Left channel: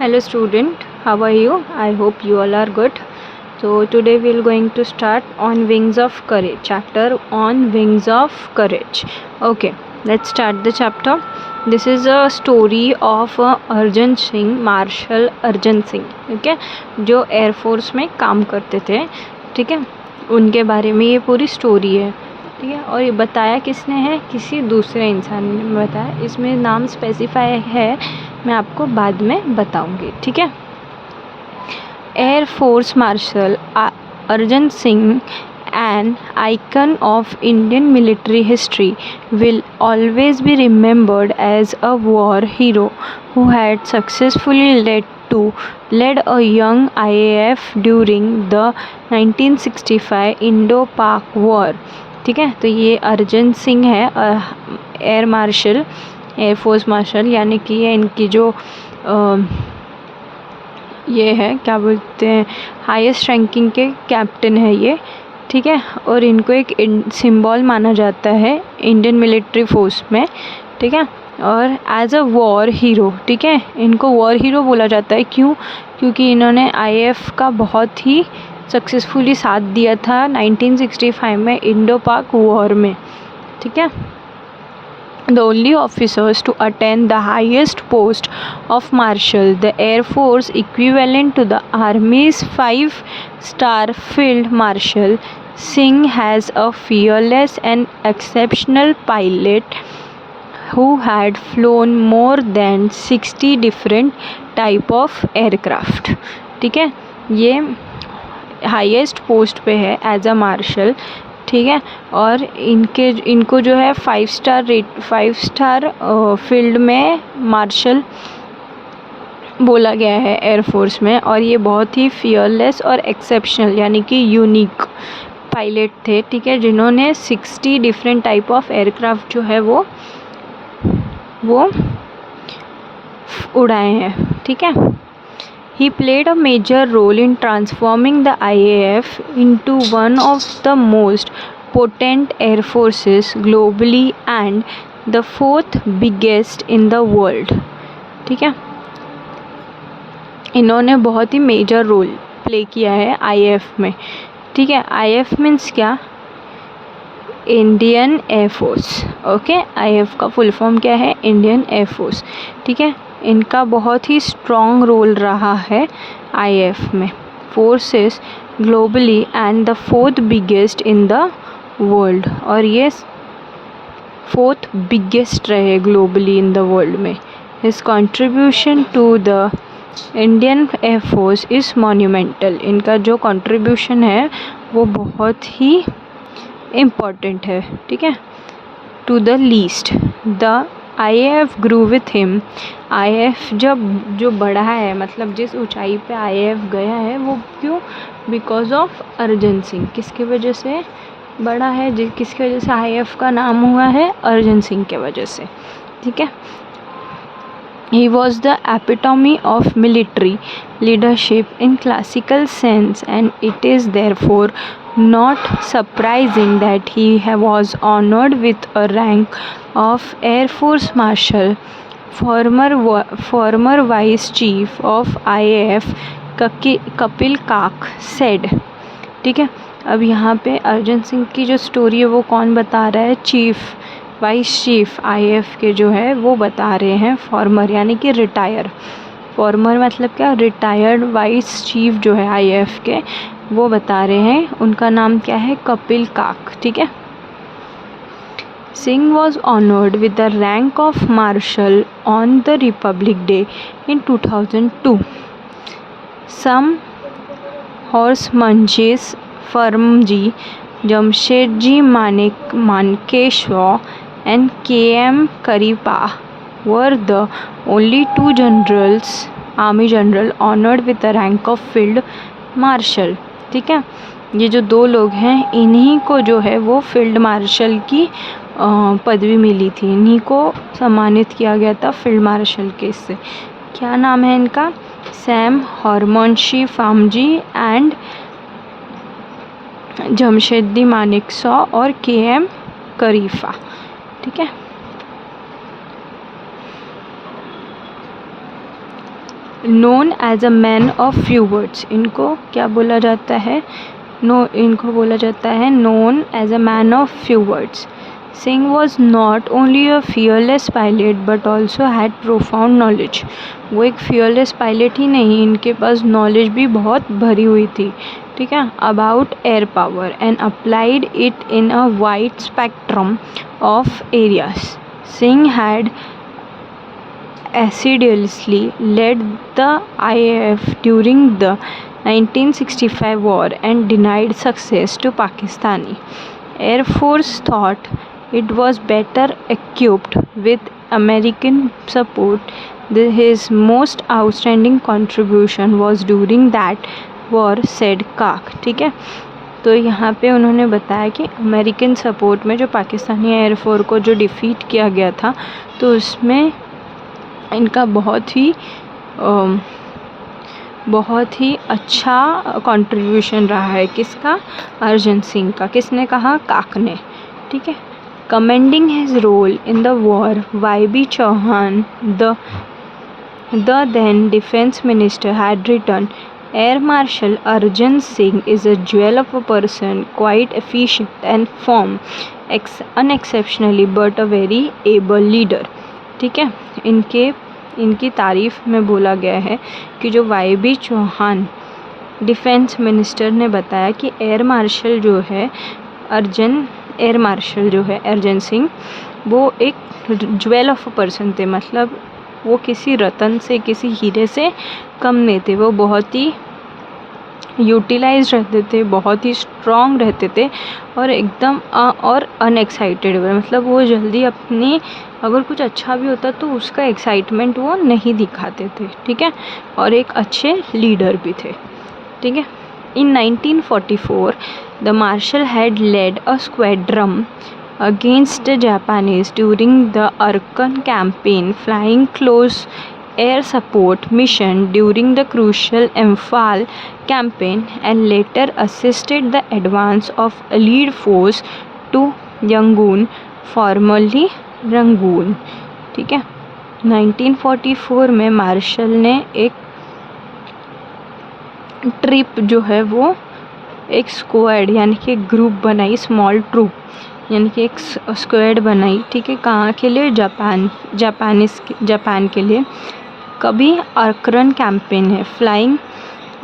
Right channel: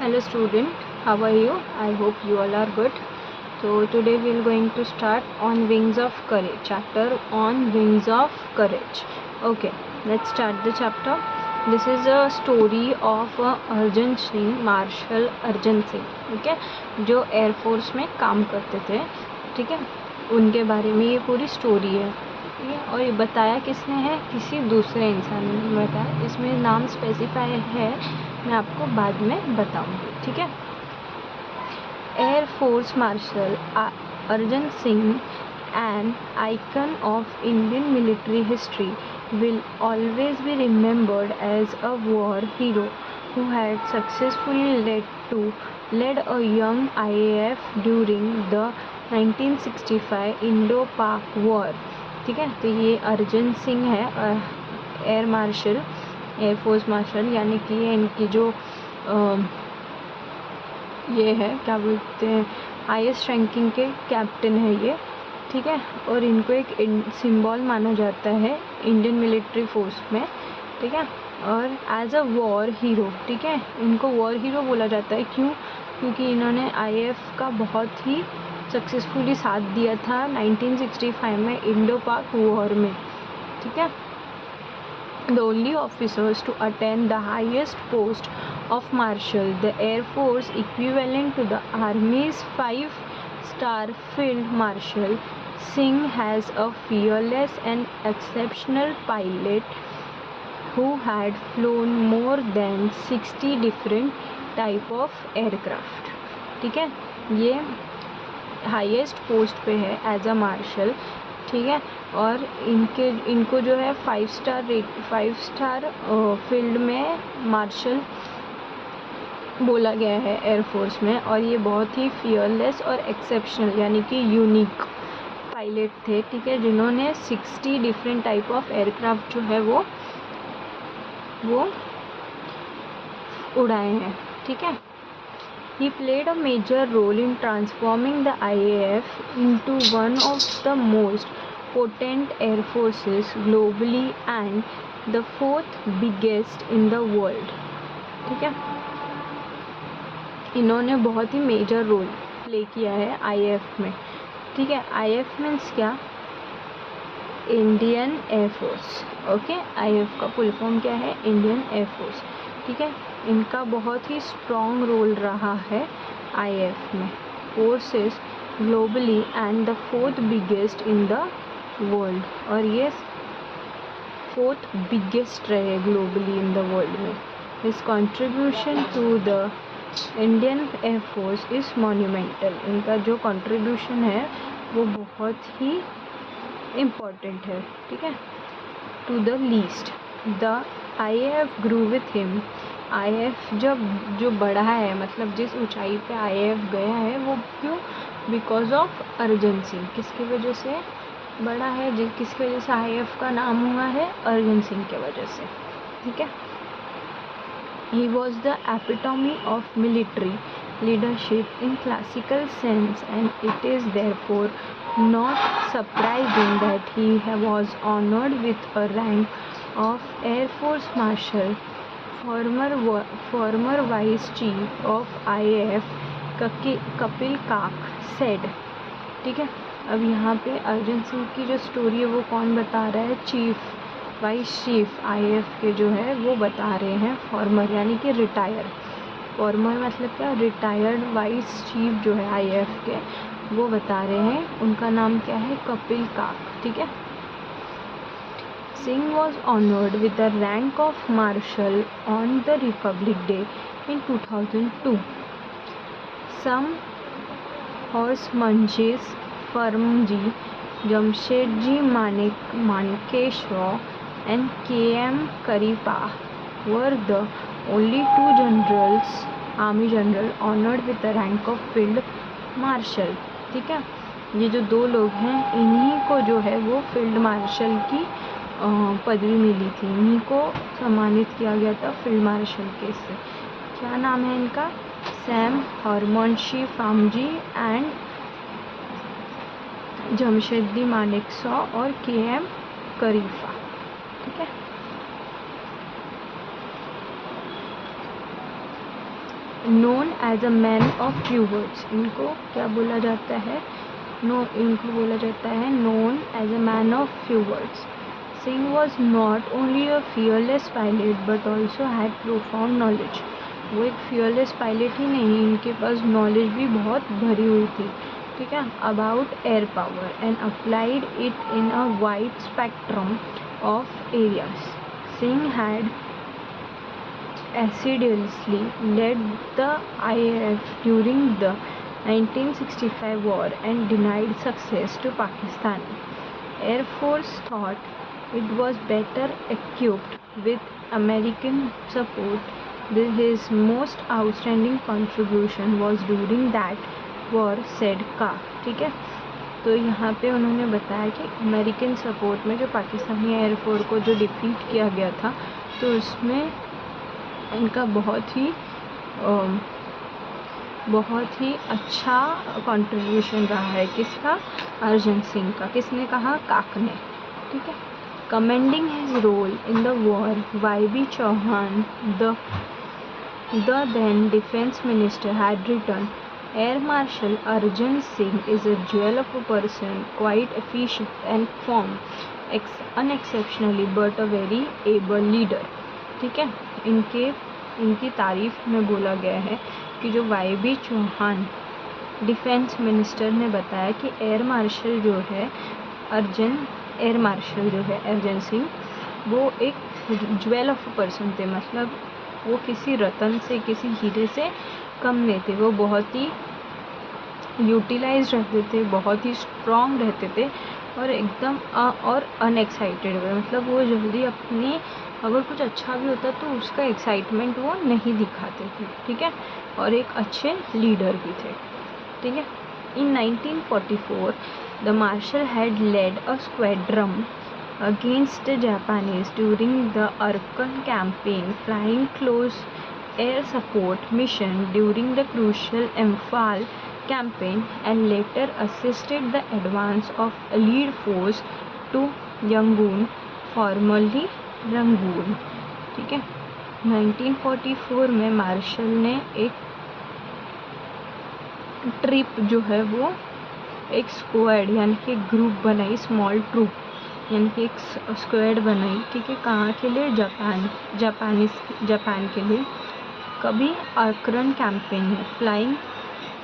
Hello student, how are you? I hope you all are good. So today we are going to start on Wings of Courage, chapter on Wings of Courage. Okay, let's start the chapter. This is a story of Arjan Singh, marshal Arjan Singh, ठीक है, जो air force में काम करते थे, ठीक है, उनके बारे में ये पूरी स्टोरी है, ठीक है। और ये बताया किसने है? किसी दूसरे इंसान ने बताया। इसमें नाम स्पेसिफाई है, मैं आपको बाद में बताऊंगी, ठीक है। Air force marshal Arjan Singh, an icon of Indian military history, will always be remembered as a war hero who had successfully led a young IAF during the 1965 Indo-Pak War, ठीक है। तो ये अर्जन सिंह है, air marshal, air force marshal, यानी कि ये इनकी जो ये है, क्या बोलते हैं, हाईएस्ट रैंकिंग के कैप्टन है ये, ठीक है। और इनको एक सिंबल माना जाता है इंडियन मिलिट्री फोर्स में, ठीक है। और एज अ वॉर हीरो, ठीक है, इनको वॉर हीरो बोला जाता है। क्यों? क्योंकि इन्होंने आईएएफ का बहुत ही सक्सेसफुली साथ दिया था 1965 में इंडो पाक वॉर में, ठीक है। The only officers to attain the highest post of marshal, the Air Force equivalent to the Army's 5-star Field Marshal, Singh has a fearless and exceptional pilot who had flown more than 60 different type of aircraft, ठीक है। ये highest post पे है as a martial, ठीक है। और इनको जो है 5 स्टार फील्ड में मार्शल बोला गया है एयरफोर्स में। और ये बहुत ही फियरलेस और एक्सेप्शनल यानी कि यूनिक पायलट थे, ठीक है, जिन्होंने 60 डिफरेंट टाइप ऑफ एयरक्राफ्ट जो है वो उड़ाए हैं, ठीक है। He played a major role in transforming the IAF into one of the most potent air forces globally and the 4th biggest in the world, ठीक है। इन्होंने बहुत ही मेजर रोल प्ले किया है आईएएफ में, ठीक है। आईएएफ मीन्स क्या? Indian air force, okay. आईएएफ का फुल फॉर्म क्या है? इंडियन एयरफोर्स, ठीक है। इनका बहुत ही स्ट्रॉन्ग रोल रहा है आईएएफ में, forces globally and the 4th biggest in the world. और ये 4th बिगेस्ट रहे ग्लोबली इन द वर्ल्ड में। His contribution to the Indian air force is monumental. इनका जो कंट्रीब्यूशन है वो बहुत ही इम्पॉर्टेंट है, ठीक है। To the least the IAF grew with him. IAF जो बढ़ा है, मतलब जिस ऊंचाई पे आईएएफ गया है वो क्यों? Because of Arjan Singh. किसकी वजह से बढ़ा है? किसकी वजह से आईएएफ का नाम हुआ है? अर्जन सिंह के वजह से, ठीक है। He was the epitome of military leadership in classical sense, and it is therefore not surprising that he was honored with a rank of Air Force Marshal. Former Vice Chief of IAF Kapil काक said, ठीक है। अब यहाँ पे अर्जन सिंह की जो story है वो कौन बता रहा है? वाइस चीफ आईएएफ के जो है वो बता रहे हैं, फॉर्मर यानी कि रिटायर। फॉर्मर मतलब क्या? रिटायर्ड वाइस चीफ जो है आईएएफ के, वो बता रहे हैं। उनका नाम क्या है? कपिल काक, ठीक है। Singh was honoured with the rank of marshal on the Republic Day in 2002. Sam Hormusji Framji, Jamshedji Manekshaw and K.M. Kariappa were the only 2 generals, army general, honored with the rank of field marshal, ठीक है। ये जो 2 लोग हैं, इन्हीं को जो है वो फील्ड मार्शल की पदवी मिली थी, इन्हीं को सम्मानित किया गया था फील्ड मार्शल के से। क्या नाम है इनका? सैम हॉर्मोनशी फार्मजी एंड जमशेदी मानेकशॉ और K.M. करीफा, ठीक है। Known as a man of few words, इनको क्या बोला जाता है, इनको बोला जाता है known as a man of few words. Singh was not only a fearless pilot but also had profound knowledge. वो एक फियरलेस पायलट ही नहीं, इनके पास नॉलेज भी बहुत भरी हुई थी, ठीक है, about air power and applied it in a wide spectrum of areas. Singh had assiduously led the IAF during the 1965 war and denied success to Pakistani Air Force thought it was better equipped with American support. His most outstanding contribution was during that war, said Kak। ठीक है, तो यहाँ पे उन्होंने बताया कि American support में जो पाकिस्तानी एयरफोर्स को जो डिफ़ीट किया गया था, तो उसमें इनका बहुत ही अच्छा कंट्रीब्यूशन रहा है। किसका? अर्जन सिंह का। किसने कहा? काक ने। ठीक है। Commending his role in the war, Y B. Chavan the then defense minister had written, Air Marshal Arjan Singh is a jewel of a person, quite efficient and firm, unexceptionally but a very able leader। ठीक है, इनकी तारीफ़ में बोला गया है कि जो वाई.बी. चौहान डिफेंस मिनिस्टर ने बताया कि एयर मार्शल जो है अर्जन सिंह, वो एक ज्वेल ऑफ अ पर्सन थे। मतलब वो किसी रतन से, किसी हीरे से कम नहीं थे। वो बहुत ही यूटिलाइज रहते थे, बहुत ही स्ट्रॉन्ग रहते थे और एकदम और अनएक्साइटेड। मतलब वो जल्दी अपनी, अगर कुछ अच्छा भी होता तो उसका एक्साइटमेंट वो नहीं दिखाते थे। ठीक है, और एक अच्छे लीडर भी थे। ठीक है। In 1944 the marshal had led a squadron against the Japanese during the Arakan campaign, flying close air support mission during the crucial Imphal campaign, and later assisted the advance of Allied force to Yangon, formerly Rangoon. ठीक है, 1944 में martial ने एक trip जो है वो एक squad यानी कि एक ग्रुप बनाई, स्मॉल ट्रूप यानी कि एक स्क्वाड बनाई। ठीक है, कहाँ के लिए? जापान के लिए। कभी अरकन कैंपेन है, फ्लाइंग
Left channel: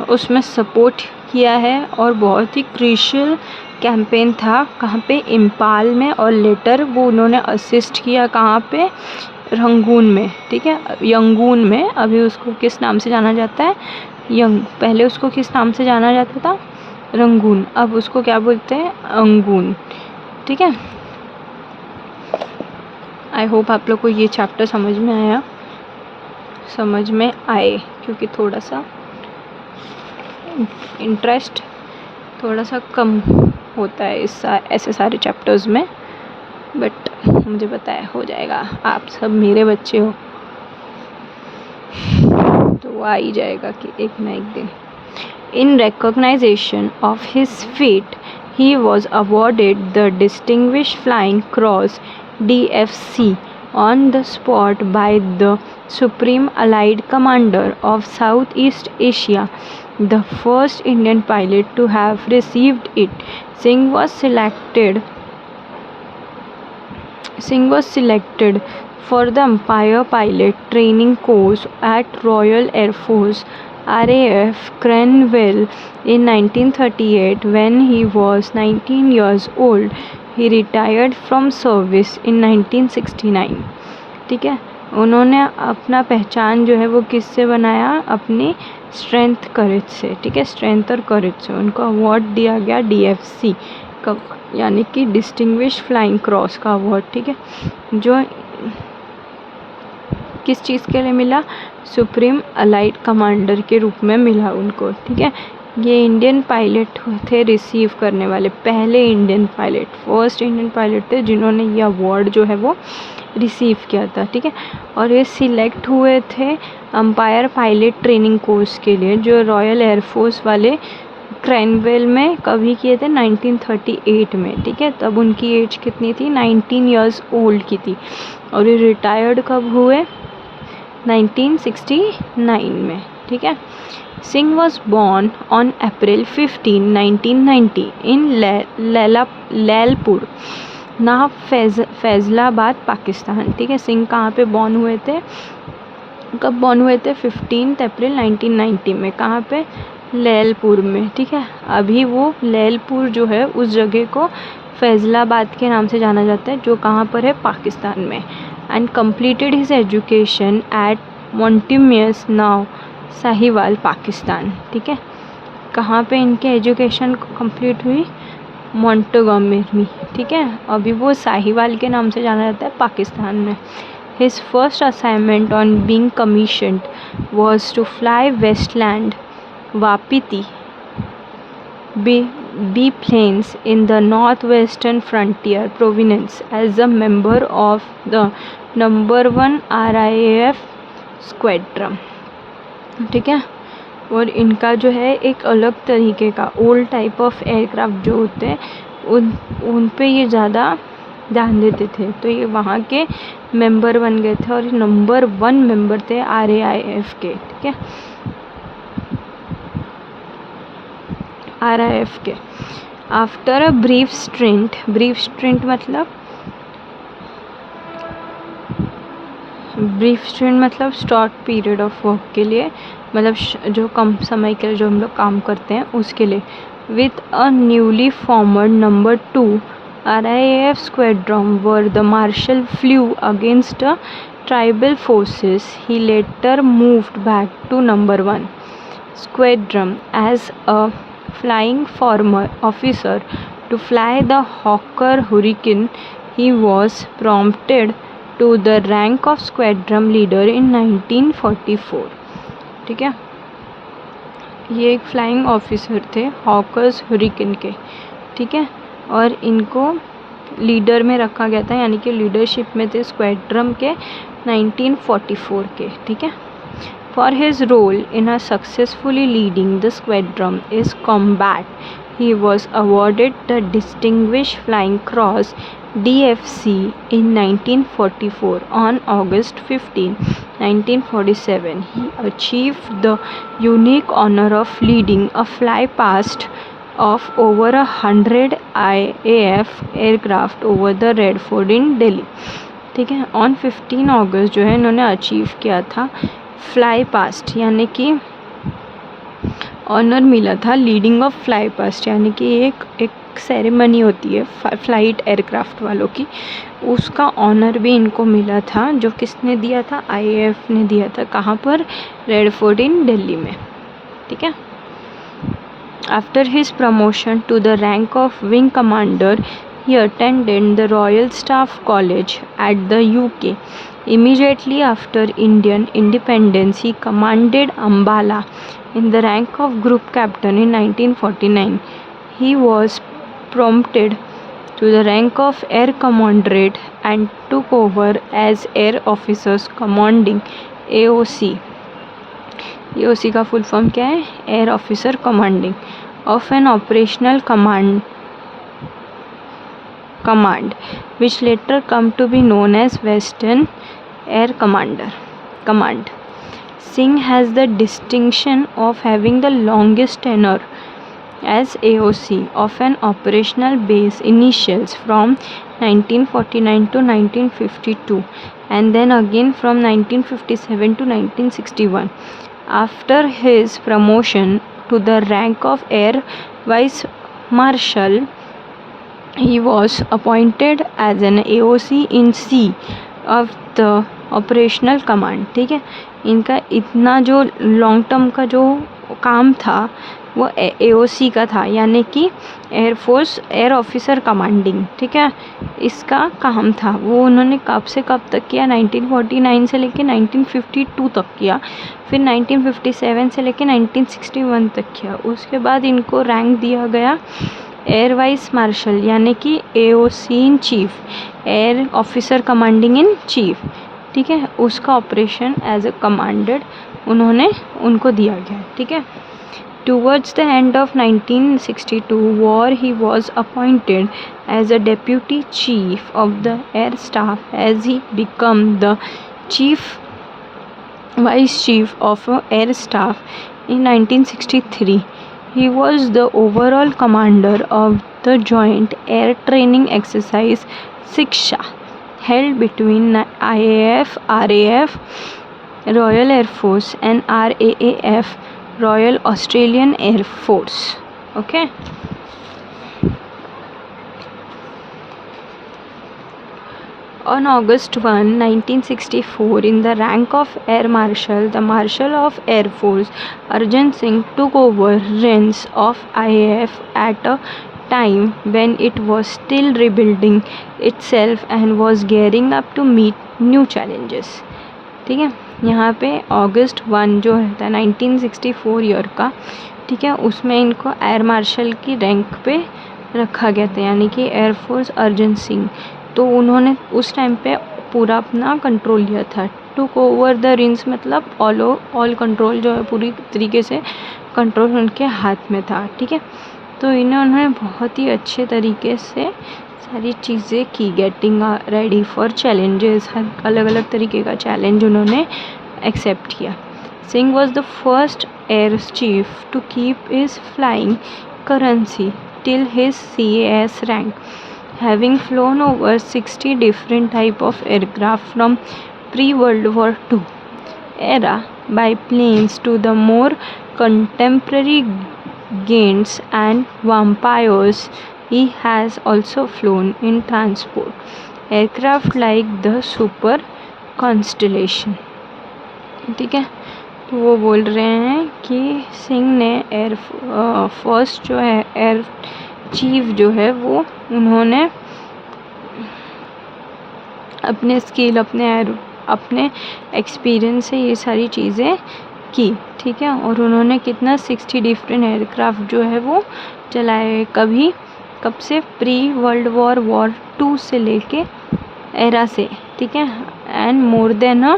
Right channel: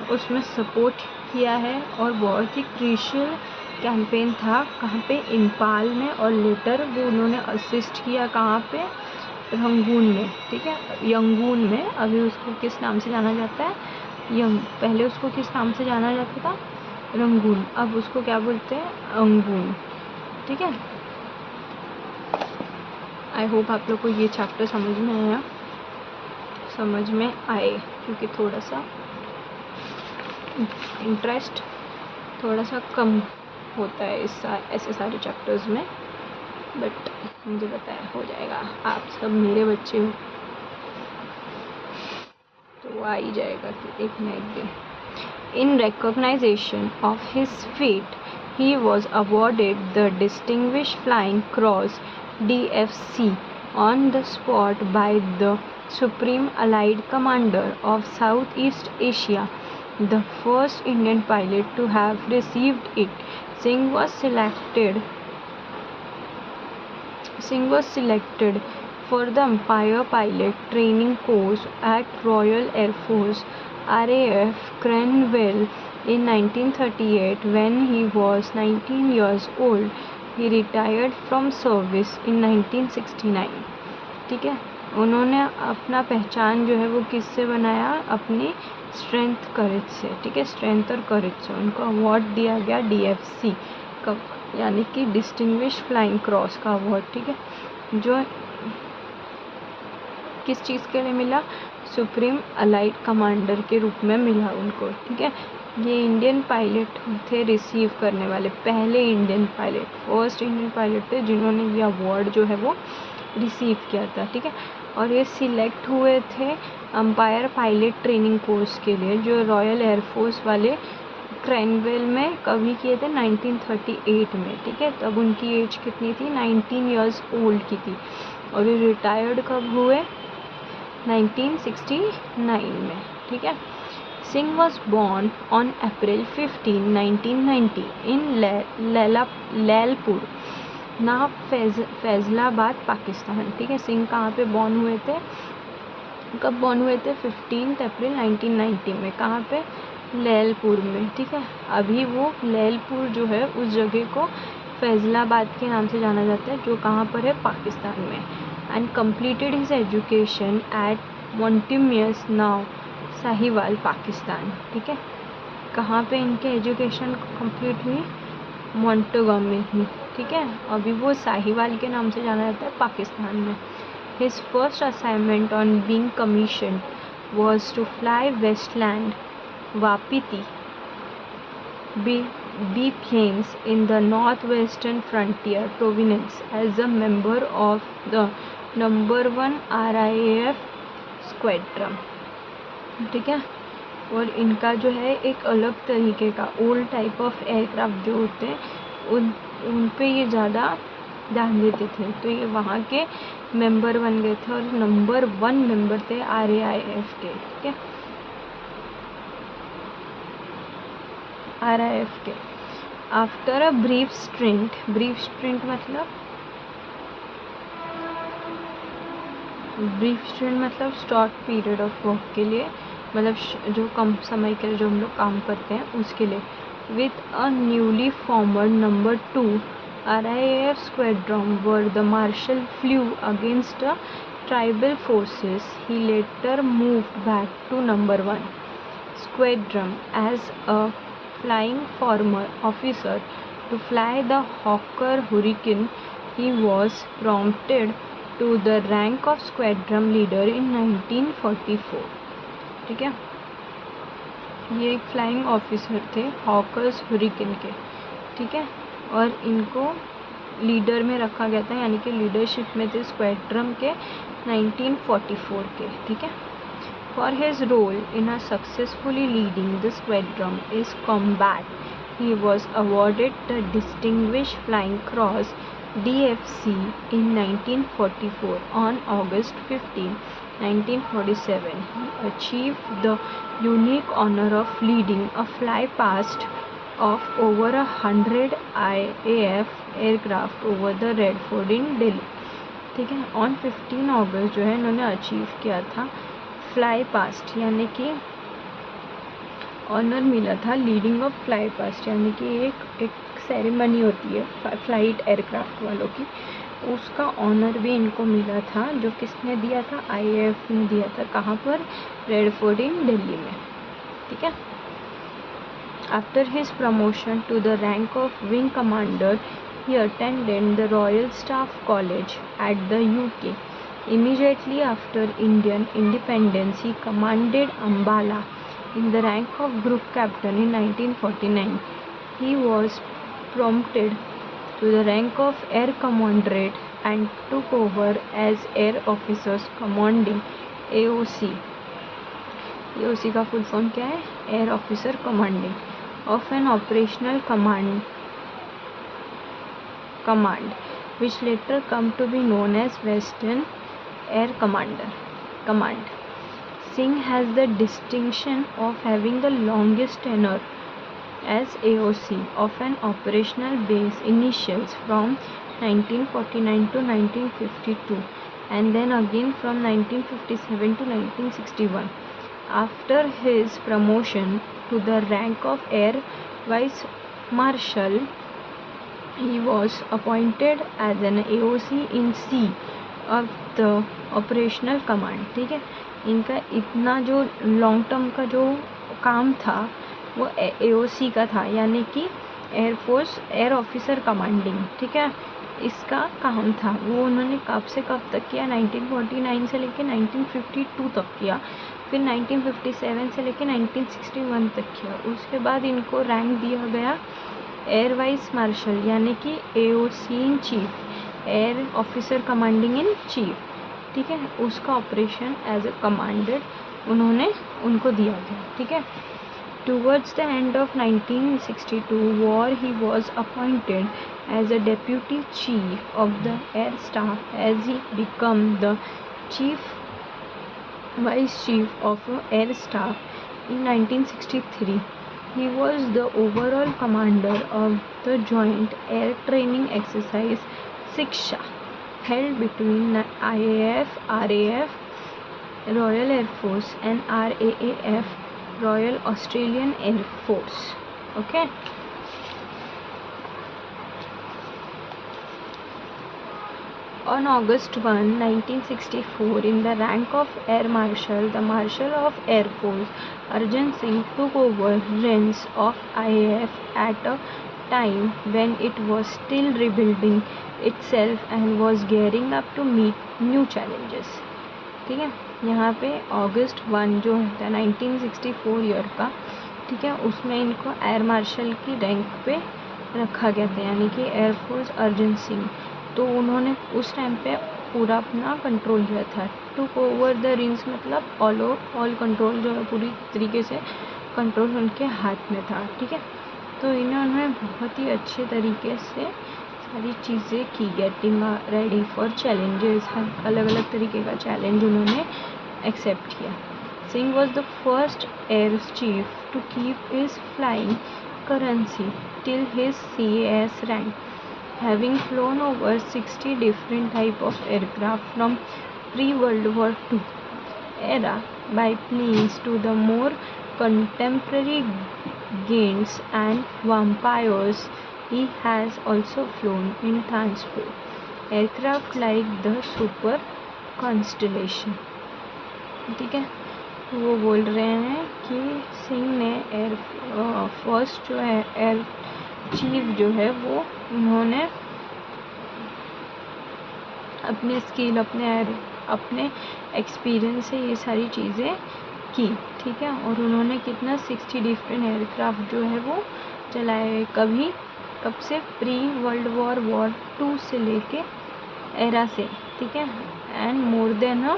उसमें सपोर्ट किया है और बहुत ही क्रूशियल कैंपेन था। कहाँ पे? इम्फाल में। और लेटर वो उन्होंने असिस्ट किया कहाँ पे? रंगून में। ठीक है, यंगून में। अभी उसको किस नाम से जाना जाता है? पहले उसको किस नाम से जाना जाता था? रंगून। अब उसको क्या बोलते हैं? अंगून। ठीक है, आई होप आप लोग को ये चैप्टर समझ में आए, क्योंकि थोड़ा सा इंटरेस्ट थोड़ा सा कम होता है ऐसे सारे चैप्टर्स में, बट मुझे पता है हो जाएगा। आप सब मेरे बच्चे हो तो आ ही जाएगा कि एक ना एक दिन। In recognization of his feat he was awarded the Distinguished Flying Cross DFC on the spot by the Supreme Allied Commander of Southeast Asia, the first Indian pilot to have received it. Singh was selected for the Empire Pilot Training Course at Royal Air Force RAF Cranwell in 1938 when he was 19 years old. He retired from service in 1969। ठीक है, उन्होंने अपना पहचान जो है वो किससे बनाया? अपनी स्ट्रेंथ करेज से। ठीक है, स्ट्रेंथ और करेज से उनको अवार्ड दिया गया DFC का, यानी कि डिस्टिंग्विश फ्लाइंग क्रॉस का अवार्ड। ठीक है, जो किस चीज़ के लिए मिला? सुप्रीम अलाइड कमांडर के रूप में मिला उनको। ठीक है, ये इंडियन पायलट थे रिसीव करने वाले, पहले Indian pilot, first Indian pilot थे जिन्होंने ये अवार्ड जो है वो रिसीव किया था। ठीक है, और ये सिलेक्ट हुए थे एम्पायर पायलट ट्रेनिंग कोर्स के लिए, जो रॉयल एयरफोर्स वाले क्रैनवेल में कभी किए थे? 1938 में। ठीक है, तब उनकी एज कितनी थी? 19 ईयर्स ओल्ड की थी। और ये रिटायर्ड कब हुए? 1969 में, ठीक है। Singh was born on April 15, 1990 इन लैलपुर नाव फैज़लाबाद पाकिस्तान, ठीक है। सिंह कहाँ पे बॉर्न हुए थे, कब बॉर्न हुए थे? 15 अप्रैल 1990 में। कहाँ पे? लैलपुर में, ठीक है। अभी वो लैलपुर जो है उस जगह को फैज़लाबाद के नाम से जाना जाता है, जो कहाँ पर है? पाकिस्तान में। And completed his education at Montgomery now Sahiwal Pakistan, ठीक है। कहाँ पे इनके एजुकेशन कंप्लीट हुई? मोंटगोमरी, ठीक है। अभी वो साहिवाल के नाम से जाना जाता है पाकिस्तान में। His first assignment on being commissioned was to fly Westland Wapiti biplanes in the northwestern frontier province as a member of the No. 1 RAF squadron, ठीक है। और इनका जो है एक अलग तरीके का ओल्ड टाइप ऑफ एयरक्राफ्ट जो होते हैं उन पे ये ज़्यादा ध्यान देते थे, तो ये वहाँ के मेंबर बन गए थे और नंबर 1 मेंबर थे RAF के, ठीक है। RAF के आफ्टर अ ब्रीफ स्ट्रिंट मतलब शॉर्ट पीरियड ऑफ वर्क के लिए, मतलब जो कम समय के लिए जो हम लोग काम करते हैं उसके लिए। With a newly formed number 2 RAF squadron where the marshal flew against tribal forces, he later moved back to No. 1 squadron as a flying officer to fly the Hawker Hurricane. He was promoted to the rank of squadron leader in 1944, ठीक है। ये एक flying officer थे hawkers hurricane के, ठीक है। और इनको लीडर में रखा गया था, यानी कि लीडरशिप में थे स्क्वाड्रन के 1944 के, ठीक है। For his role in a successfully leading the squadron is combat he was awarded the distinguish flying cross DFC in 1944. On August 15, 1947, he achieved the unique honor of leading a flypast of over 100 IAF aircraft over the Red Fort in Delhi, ठीक है। On 15 अगस्त जो है इन्होंने achieve किया था fly past, यानी कि honour मिला था लीडिंग ऑफ फ्लाई पास्ट, यानी कि एक सेरेमनी होती है फ्लाइट एयरक्राफ्ट वालों की, उसका ऑनर भी इनको मिला था, जो किसने दिया था? IAF ने दिया था। कहाँ पर? रेड फोर्ट इन दिल्ली में, ठीक है। After his promotion to the rank of wing commander he attended the Royal Staff College at the UK. Immediately after Indian independence, he commanded Ambala in the rank of group captain in 1949. He was promoted to the rank of air commanderate and took over as air officers commanding AOC. AOC का full form क्या है? Air officer commanding of an operational command which later come to be known as Western Air Command. Singh has the distinction of having the longest tenure as AOC of an operational base initials from 1949 to 1952 and then again from 1957 to 1961. After his promotion to the rank of Air Vice Marshal, he was appointed as an AOC in C of the operational command, ठीक है। इनका इतना जो long term का जो काम था वो AOC का था, यानी कि एयरफोर्स एयर ऑफिसर कमांडिंग, ठीक है। इसका काम था वो उन्होंने कब से कब तक किया? 1949 से लेकर 1952 तक किया, फिर 1957 से लेकर 1961 तक किया। उसके बाद इनको रैंक दिया गया एयर वाइस मार्शल, यानी कि AOC in chief, air officer commanding in chief, ठीक है। उसका ऑपरेशन एज अ कमांडेड उनको दिया गया, ठीक है। Towards the end of 1962 war, he was appointed as a deputy chief of the air staff as he became the chief Vice Chief of Air Staff in 1963. He was the overall commander of the Joint Air Training Exercise Siksha, held between IAF, RAF, Royal Air Force, and RAAF, Royal Australian Air Force. Okay. On August 1, 1964, in the rank of Air Marshal, the Marshal of Air Force Arjun Singh took over reins of IAF at a time when it was still rebuilding itself and was gearing up to meet new challenges. ठीक है, यहाँ पे अगस्त 1 जो था 1964 year का, ठीक है, उसमें इनको एयर मार्शल की रैंक पे रखा गया था, यानी कि एयरफोर्स अर्जन सिंह। तो उन्होंने उस टाइम पे पूरा अपना कंट्रोल लिया था। टुक ओवर द रिंग्स मतलब ऑल कंट्रोल जो है पूरी तरीके से कंट्रोल उनके हाथ में था। ठीक है, तो इन्होंने बहुत ही अच्छे तरीके से सारी चीज़ें की, गेटिंग रेडी फॉर चैलेंजेस, हर अलग अलग तरीके का चैलेंज उन्होंने एक्सेप्ट किया। Singh was the first air chief to keep his flying currency till his CAS रैंक, having flown over 60 different type of aircraft from pre-World War II era biplanes to the more contemporary Gaints and Vampires. He has also flown in transport aircraft like the Super Constellation. ठीक है, तो वो बोल रहे हैं कि सिंह ने first जो है एयर चीफ जो है वो उन्होंने अपने स्किल अपने एक्सपीरियंस से ये सारी चीज़ें की। ठीक है, और उन्होंने कितना 60 डिफरेंट एयरक्राफ्ट जो है वो चलाए, कब से प्री वर्ल्ड वॉर 2 से लेके एरा से। ठीक है, and more than a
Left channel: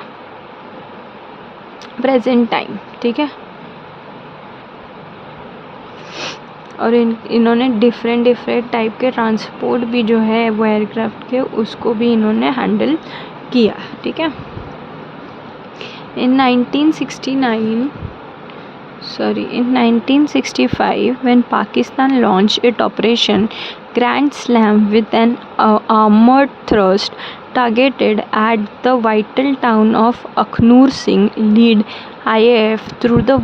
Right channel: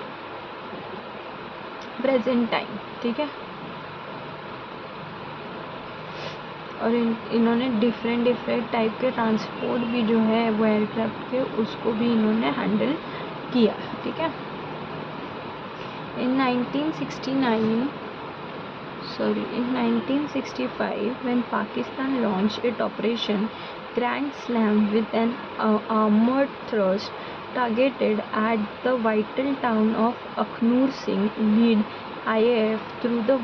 present time. ठीक है, और इन्होंने डिफरेंट टाइप के ट्रांसपोर्ट भी जो है वो एयरक्राफ्ट के उसको भी इन्होंने हैंडल किया। ठीक है, in 1965 when Pakistan launched its Operation Grand Slam with an armored thrust targeted at the vital town of Akhnur, Singh led IAF through the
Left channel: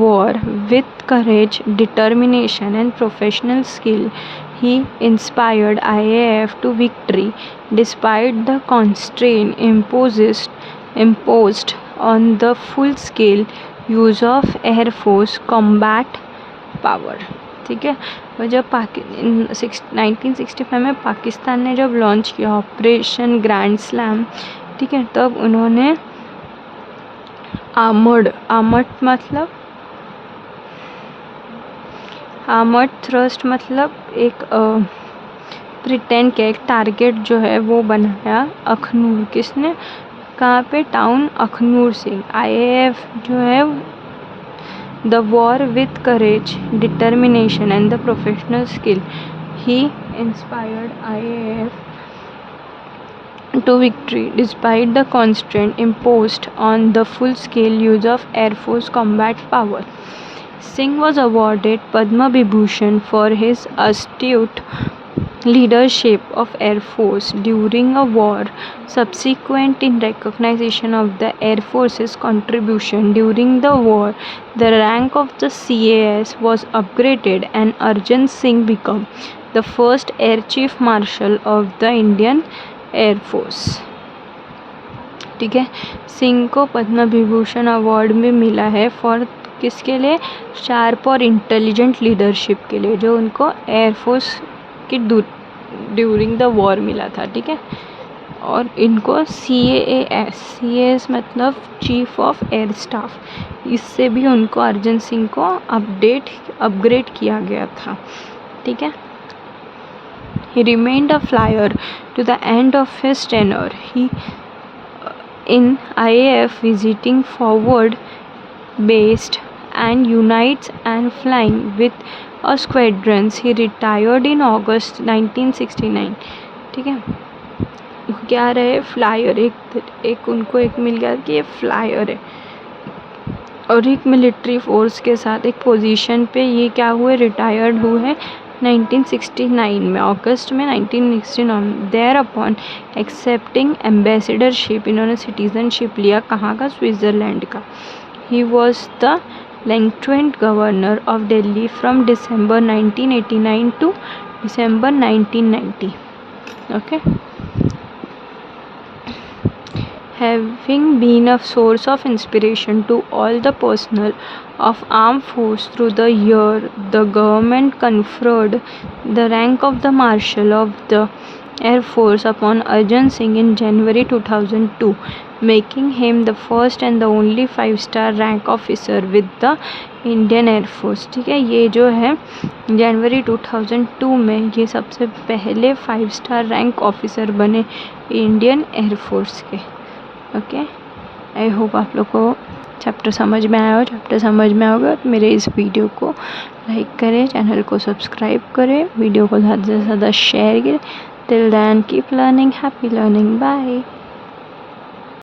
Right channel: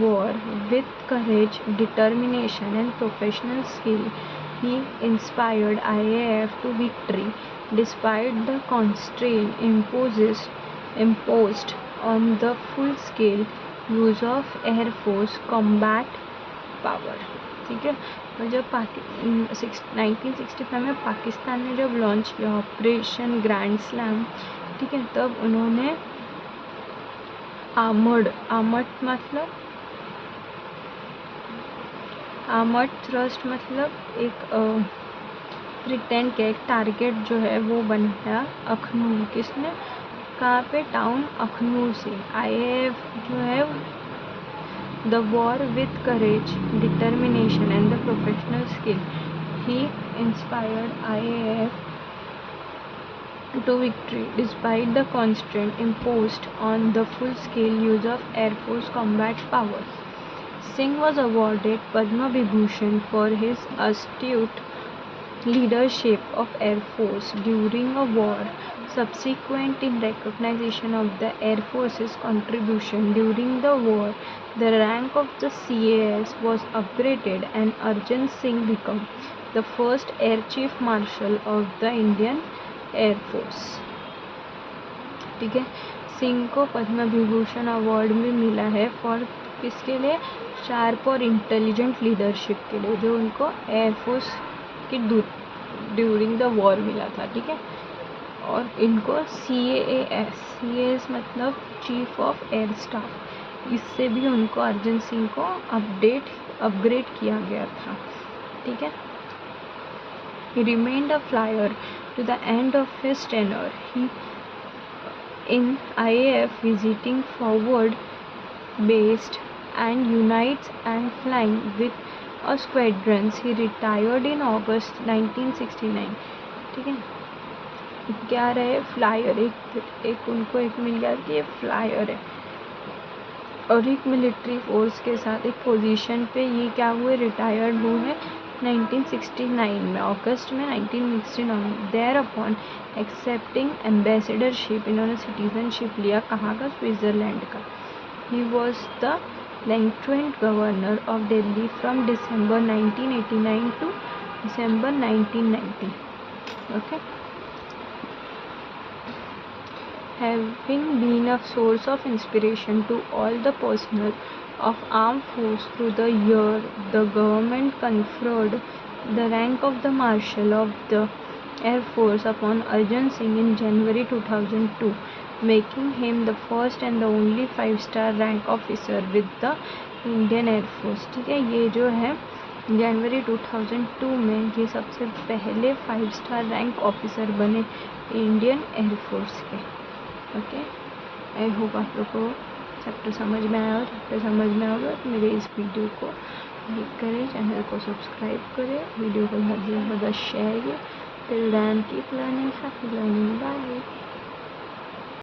war with courage, determination, and professional skill. He inspired IAF to victory despite the constraint imposed on the full-scale use of Air Force combat power. ठीक है, और जब 1965 में पाकिस्तान ने जब launch किया operation grand slam, ठीक है, तब उन्होंने आर्मर्ड थ्रस्ट मतलब एक प्रिटेंड के एक टारगेट जो है वो बनाया अखनूर। किसने, कहाँ पे, टाउन अखनूर से। IAF जो है the war with courage, determination and the professional skill, he inspired IAF to victory despite the constraint imposed on the full-scale use of Air Force combat power. Singh was awarded Padma Vibhushan for his astute leadership of Air Force during a war. Subsequent in recognition of the Air Force's contribution during the war, the rank of the CAS was upgraded and Arjun Singh became the first Air Chief Marshal of the Indian air force. ठीक है, सिंह को Padma Vibhushan award में मिला है for किसके लिए, sharp और intelligent leadership के लिए, जो उनको एयरफोर्स की ड्यूरिंग द वॉर मिला था। ठीक है, और इनको CAS मतलब चीफ ऑफ एयर स्टाफ, इससे भी उनको अर्जन सिंह को अपग्रेड किया गया था। ठीक है, he remained a flyer to the end of his tenure. He in IAF visiting forward based and unites and flying with a squadrons. He retired in August 1969. ठीक है, क्या रहे, फ्लायर, एक उनको एक मिल गया कि ये फ्लायर है, और एक मिलिट्री फोर्स के साथ एक पोजीशन पे ये क्या हुए, रिटायर्ड हुए 1969 में, अगस्त में 1969। देयर अपॉन एक्सेप्टिंग एम्बेसडरशिप, इन्होंने सिटीजनशिप लिया कहाँ का, स्विट्ज़रलैंड का। He was the lieutenant governor of Delhi from December 1989 to December 1990। Okay, having been a source of inspiration to all the personnel of armed force through the year, the government conferred the rank of the Marshal of the Air Force upon Arjun Singh in January 2002, making him the first and the only 5-star rank officer with the Indian air force. ठीक है, ये जो है जनवरी 2002 में ये सबसे पहले five-star rank officer बने इंडियन एयरफोर्स के। ओके, आई होप आप लोग को चैप्टर समझ में आया हो। चैप्टर समझ में आओगे तो मेरे इस वीडियो को लाइक करें, चैनल को सब्सक्राइब करें, वीडियो को ज़्यादा से ज़्यादा शेयर करें। Till then keep learning, happy learning, bye.